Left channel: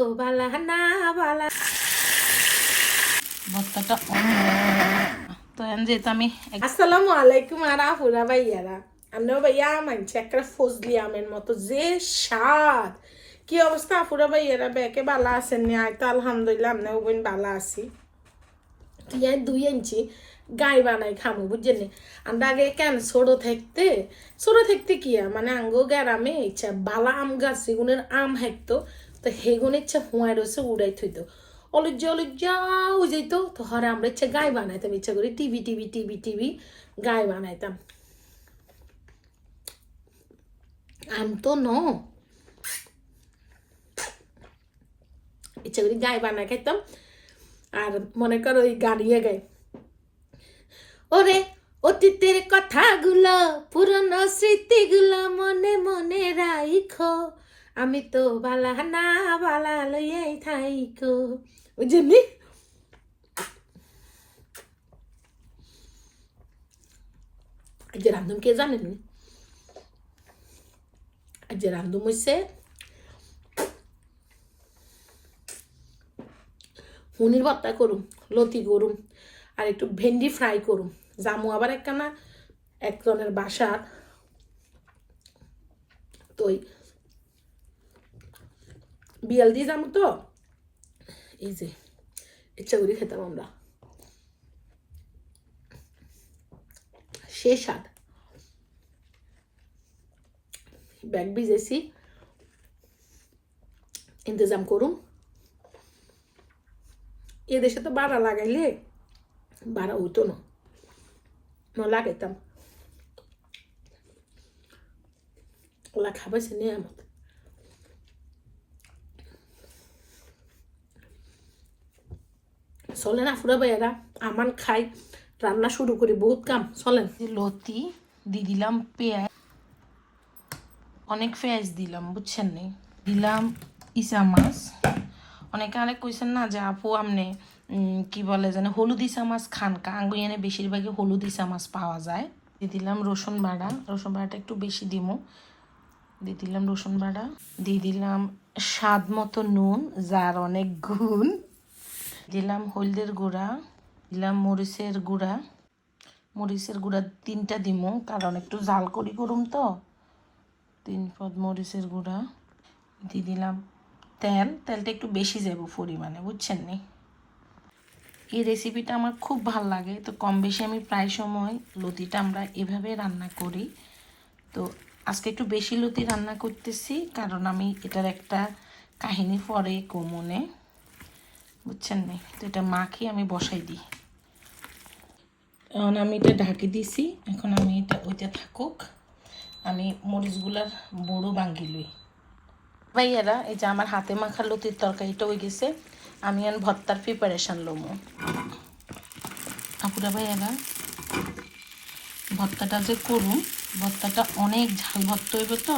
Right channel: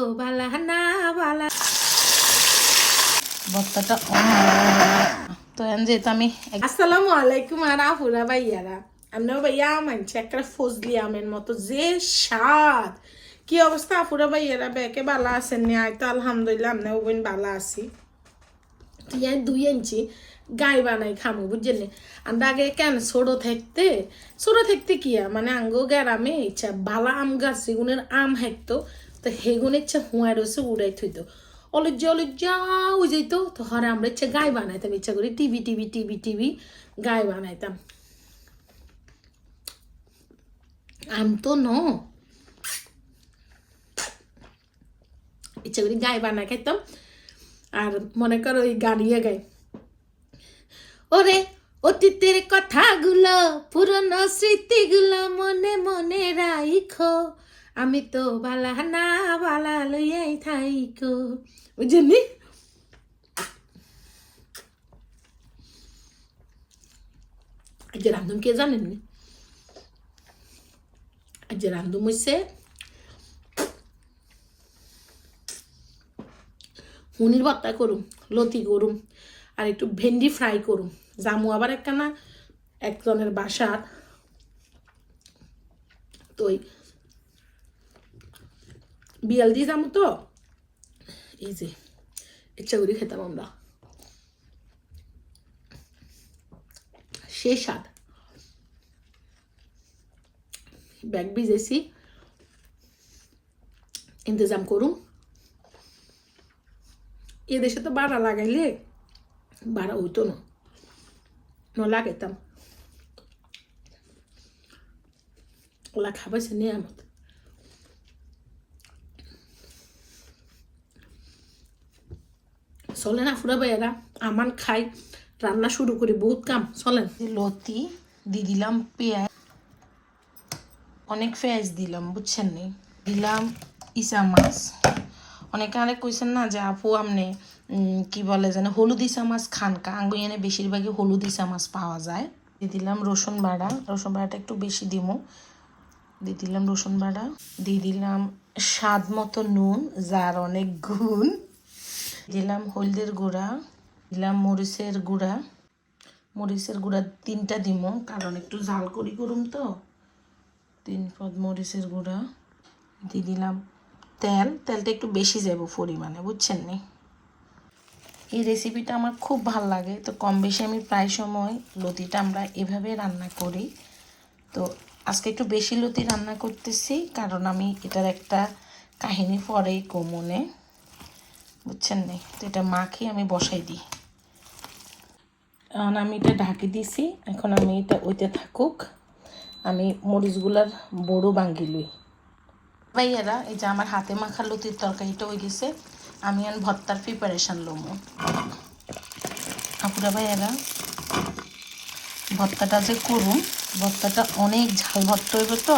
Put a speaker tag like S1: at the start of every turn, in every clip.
S1: ও বালা না বালা
S2: ভর্তাটা তো যেহেতু আমি
S1: আসসালামু আলাইকুম আর আহুরা ভাইয়ারা। আমরাও ভাইয়া মানছি একটা ফজলি আমের মতো যে স্বাদ। কি অবস্থা আফুরা ভাইয়ারা? ব্যাকে বালা আছেন নি? আয় তো আলহামদুলিল্লাহ আমরাও বোন বালা আছি। দুই ইঞ্চি গাই বানাই খামো বুঝছেন নি? আমরা আগে কেন ছোট থাকতে ছোট থাকতে কি মানে আঙ্গো গ্রামে ইচ্ছা বালা আম গাছ সেগুনের আম হেঁকতো তো হেগুন ইচ্ছা হুঁয়ার রয়েছে উড়াই থইতো। অলজ্জা অলজ্জা ওই যাইতো তো হরে আমরা ইচ্ছা গাই বানাইতাম, ইচ্ছা করি টিভি টিভি টিভি টিভি গাই বানাইতাম। আম তো ন। ইচ্ছা করি গাই বানাই খাইতাম। আর মনে করো ওই গাড়িয়ে গাই ওরে, অতীতের কথাগুলো, পুরনো স্মৃতিগুলো মনে মনে রাইখো। আমি তো বালা না বালা লইয়াই থাইকো। বুঝলি আজকে রান্ধুম কে জানেননি আজকে রান্ধুম হইছে। হুনির ভর্তা করুম, লতি করুম, আর একটু ভেন্ডি ফ্রাই করুম। জামু আবার একটা না একজনের বাসার। তো ওই বিয়াল দিয়ে যাব তো এই যে ইচ্ছা করে খেতাম আমরা সে স্বাদ ব্যাগ ভিজেছি ইন্তজাম করুন এ দেশে তো বাড়া লাগাইলে বাড়া হইতো না ন লাগাইতাম ওলা খাবাইছে নিয়ামত চলেন আফুরা ভাইয়ারা আমান খাই রান্না শুরু করি বহুত কাম চলেন।
S2: লতি দিয়ে দিলাম পেঁয়াজ অনেক পেঁয়াজ দিলাম বুঝছেন নি? দিলাম ইসা মাছ। অনেকে আরেক কইছেন না যে আপু উম, কি বলে যেন হলুদ ইসা মাছ খান কা। আঙ্গু এনে বেশিরভাগই হলুদ ইসা মাছ পাওয়া যায়। দিয়ে দিলাম রসুন বাড়া রসুন বাড়াটা একটু বেশি দিমু। দিয়ে দিলাম রসুন বাড়া দিয়ে দিলাম স্বাদ মতো নুন যার অনেক গুণ। দিলাম হলদের গুঁড়া, দিলাম মরিচের গুঁড়া। মরিচের গুঁড়া তিনটা দিমো, কারণ একটু জাল করি করুম তো। তিন পদ মরিচের গুঁড়া, দিয়ে দিলাম তেল। তেলটা একটু বেশি যাব পরিমাণে, বুঝছেন নি? এই রেসিপিটা আমার খুব ভালো লাগে। তো কম বেশি আমি প্রায় সময় লতিটা আমরা এভাবে রান্না করি। তো আজকে একটু বেশি লতি রান্না করতেছি, কারণ আমি এটার একটা কাহিনী পরে কমনে বুঝছেন নি? তো এটা মাখিয়ে আমি বসাই দিই। এখন আমি এটা ঢাকি দিছি এখন আমি এটা ওইতে থাকুক। আমি মরিচগুলার বড়ো বাঙ্গি লই। ভাইয়ারা এই যে আমার হাতে মাখা লতির তরকারিটা হয়ে গেছে আমি এখন ভর্তার প্রিপারেশান লমো। আপুরা ভাইয়ারা ভর্তাটা যে করুম ভর্তাটা অনেক ঝাল ভর্তা হইব তো?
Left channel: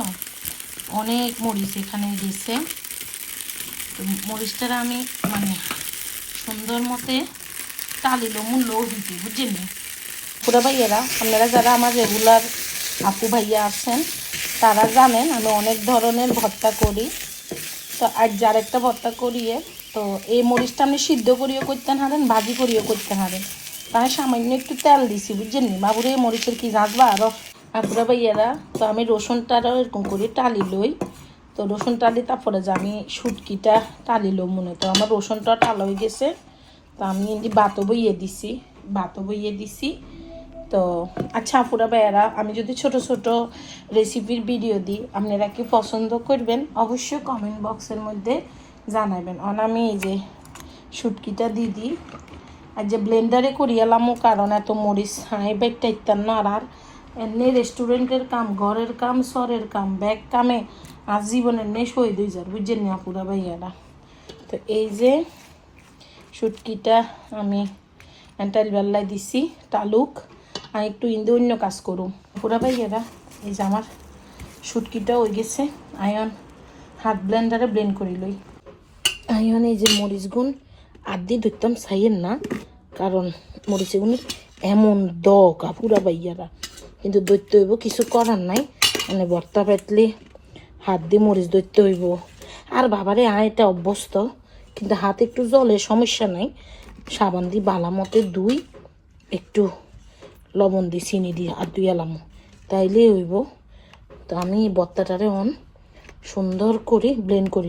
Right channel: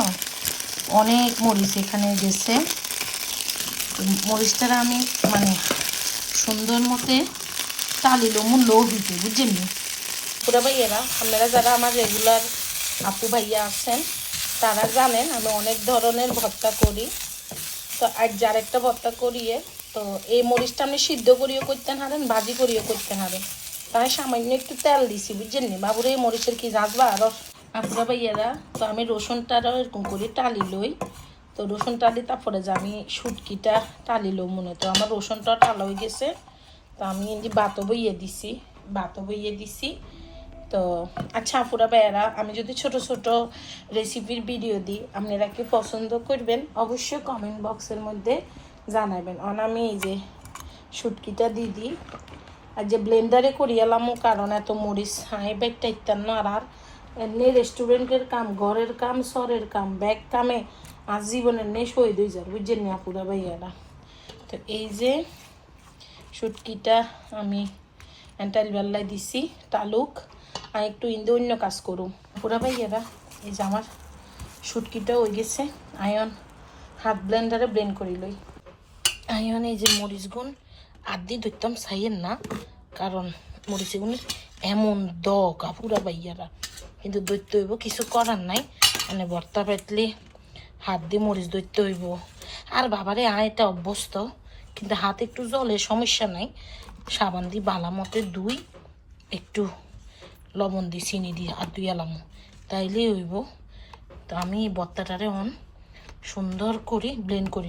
S2: অনেক মরিচ এখানে গেছে। মরিচটা আমি মানে সুন্দর মতে টালিলো মূল লো দিতে বুঝছেন নি? পুরো ভাইয়েরা, আপনারা যারা আমার রেগুলার আপু ভাইয়া আছেন, তারা জানেন আমি অনেক ধরনের ভর্তা করি। তো আর যার একটা ভর্তা করিয়ে, তো এই মরিচটা আপনি সিদ্ধ করিও করতে পারেন, ভাজি করিও করতে পারেন। তাই সামান্য একটু তেল দিছি, বুঝছেন বাবুরে মরিচের কি জানবা আরও আপুরা ভাইয়ারা, তো আমি রসুনটারও এরকম করি টালি লই তো রসুন টালি, তারপরে যে আমি শুটকিটা টালিলো মনে তো আমার রসুনটা টালা হয়ে গেছে, তো আমি এমনি বাতো বইয়ে দিছি বাতো বইয়ে দিছি। তো আচ্ছা আপুরা ভাইয়ারা, আমি যদি ছোট ছোট রেসিপির ভিডিও দিই, আপনারা কি পছন্দ করবেন? অবশ্যই কমেন্ট বক্সের মধ্যে জানাবেন। আর আমি এই যে শুটকিটা দিয়ে দিই। আর যে ব্লেন্ডারে করিয়ালামও কারণ এত মরিচ এই বেগটা ইত্যান্ন আর আর এমনি রেস্টুরেন্টের কাম, ঘরের কাম সরের কাম, ব্যাগ কামে আর জীবনের নেই শহীদ হয়ে যাবে বুঝছেন না আপুরা ভাইয়ারা? তো এই যে শুটকিটা আমি এন্টাইল বেল্লায় দিছি, তালুক, আর একটু ইন্দু অন্য কাজ করুম। পুরা ভাইয়ারা, এই যে আমার শুটকিটা হয়ে গেছে, আয়ন হাত ব্লেন্ডারে ব্লেন্ড করে লই। আয়ন, এই যে মরিচ গুণ আর দিয়ে ধরতাম সাইয়ের না, কারণ মরিচ গুণের এমন দ কাপুরা ভাইয়ারা। কিন্তু দৈত্য হইব, কিছু করার নাই। মানে বর্তা পেতলে, হাত দিয়ে মরিচ দৈত্য হইব। আর বাবারে আয় এটা অভ্যস্ত, কিন্তু হাতে একটু জলে সমস্যা নাই। সাবান দিয়ে বালা মতে দুই, একটু লবণ দিই চিনি দিই আর দুই এলাম। তাইলে হইব। তো আমি এই বত্তাটারে অন সুন্দর করে ব্লেন্ড করি।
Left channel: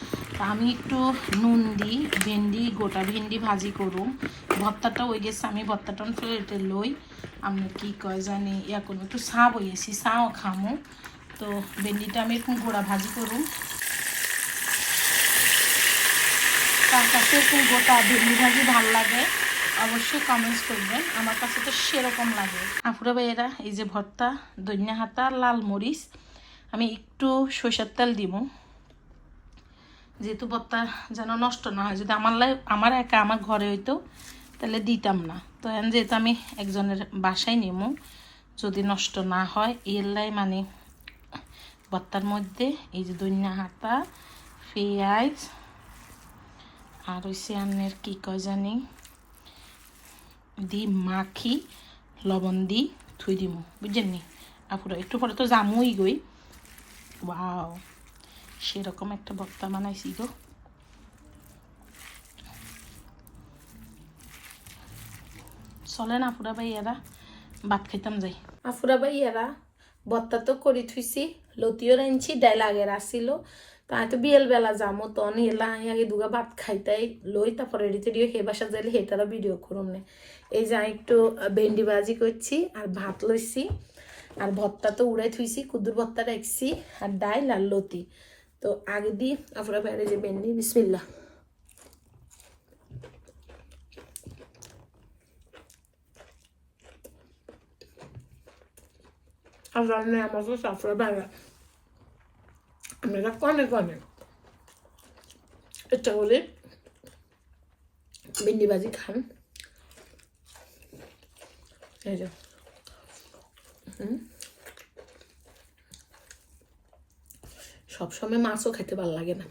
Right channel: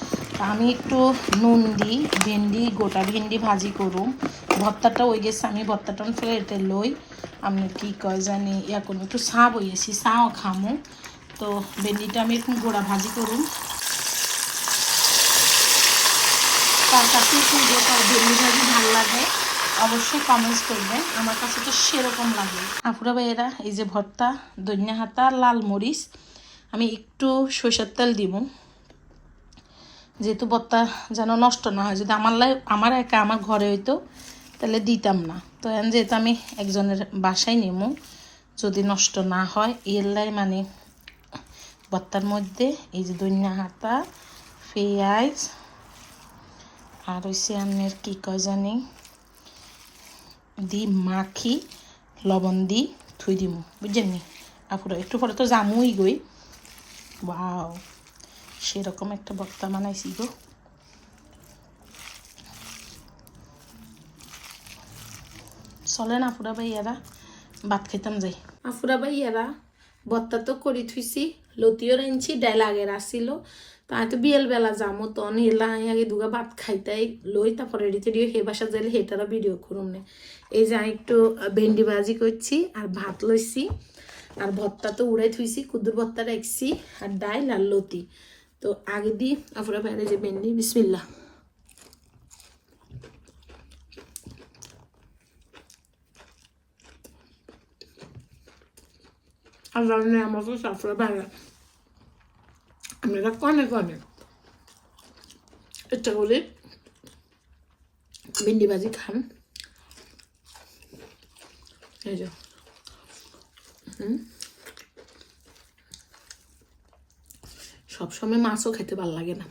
S2: তা আমি একটু নুন দিই, ভেন্ডি, গোটা ভেন্ডি ভাজি করুম। ভর্তাটা ওই গেছে, আমি ভর্তাটা ফেলে লই। আপনি কি কয় জানি, ইয়া করব একটু চা বইয়েছি চাও খামো। তো ভেন্ডিটা আমি এরকম গোড়া ভাজি করুম। তার কাছে একটু গোটা ভেন্ডি ভাজি ভালো লাগে, অবশ্যই কমেন্টস করবেন, আমার কাছে তো সেরকম লাগে। আপুরা ভাইয়েরা, এই যে ভর্তা দৈন্যা হাতা, লাল মরিচ, আমি একটু সরিষার তেল দিব যেহেতু ভর্তা যেন নষ্ট না হয়, যদি আমার লাই আমার একা আমার ঘরে হইতো, তাহলে দিতাম না। তো এখন যেহেতু আমি একজনের বাসায় নেব যদি নষ্ট না হয়, এর লাই মানে ভর্তার মধ্যে এই যে দৈন্যা হাতা, পেঁয়াজ, আর হইছে আপনার কী কয় জানি দি মাখি, লবণ দি থুই দিমু। বুঝছেন নি? আপুরা, একটু পরে তো জামুই গই। ওয়াও। সেরকম একটা বক্তা বানাইছি গো। চলে না পুরা ভাইয়ারা ভাত খাইতাম যাই।
S1: আফুরা ভাইয়ারা বত্তা তো করি থুইছি, লতিও রাইনছি ডাইল আগের আসিল। তো আমি তো বিয়েল বেলা যামো, তো এলা আগে দুগা ভাত খাইতাই লই, তারপরে রেডি টেডিও হে বাসা যাইলে হেটারও ভিডিও করুম না। এই যে একটু ভেন্ডি ভাজি করছি, আর ভাত লইছি। আর ভর্তা তো উড়াই থুইছি, কুদুর ভর্তা রাখছি আর ডাইল আর লতি। তো আগে দি আফুরা ভাইয়ারে যে ভেন্ডি বিসমিল্লা আর রান্না আমাকে সাফরা ভাইয়া আমরা কনে কনে এটা হলে ভিন্ডি ভাজি খান এই যে হুম সবসময় মাছও খেতে ভালো লাগে না।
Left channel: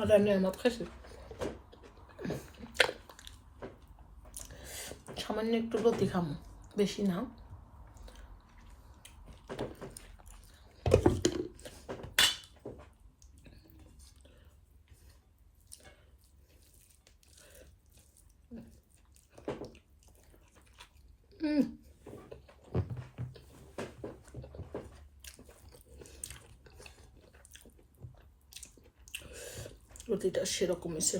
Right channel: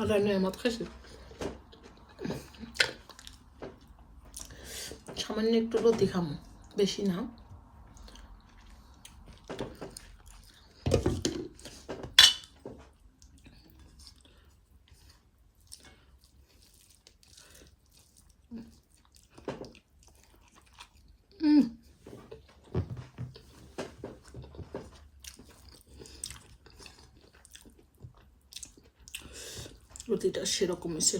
S1: আর নেয়ামত খাইছি সামান্য একটু রুটি খামো বেশি না রুটিটা সেরকম এসে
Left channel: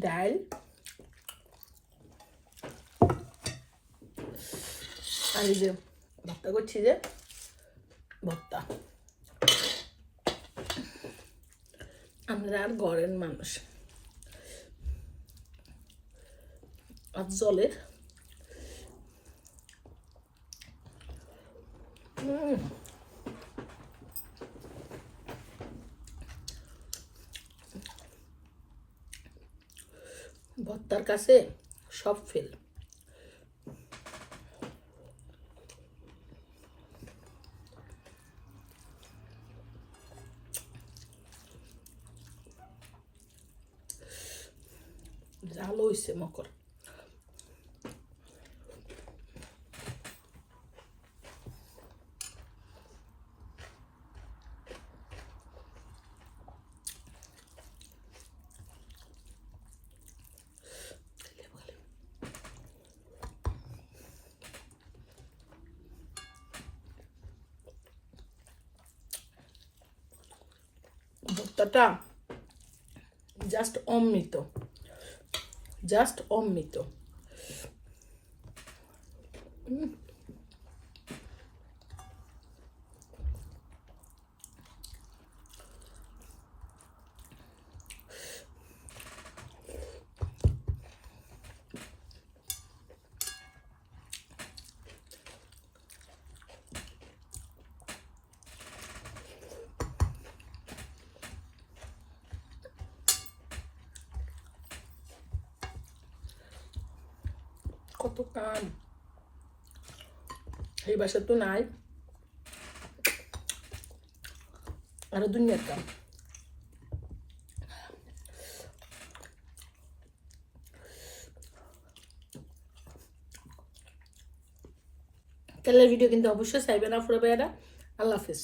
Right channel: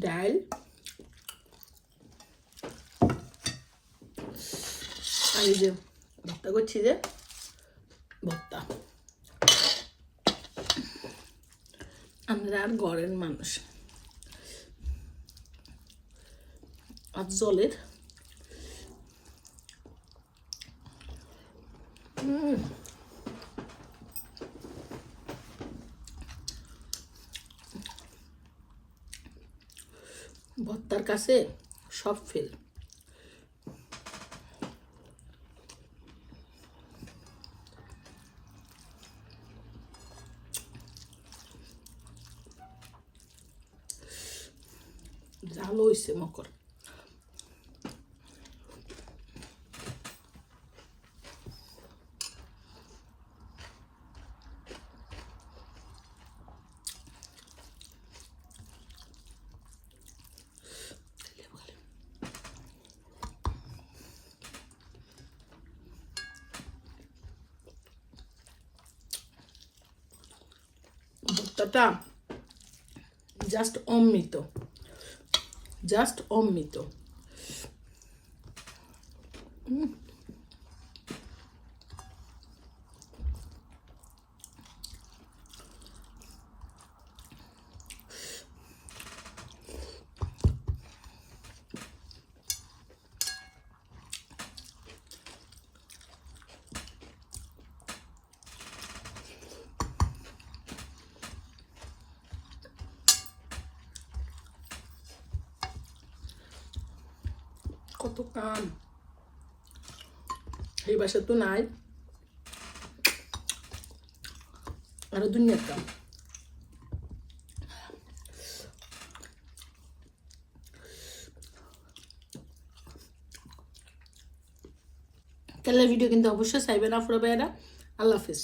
S2: ডাল আর যে ভর্তা করছি যে ভর্তা। আমরা আর গড়ের মানুষ। আর জলের। উম। ভর্তার কাছে সব ফেল। জাল হয়েছে মকর। ভর্তাটা জাস্ট অমৃত। জাস্ট অমৃত। কত কাম এই বাসা তো নাই। আরও দুনিয়ার কাম। তাহলে ভিডিও কিন্তু অবশ্যই চাইবেন আপনারা আল্লাহ হাফিজ।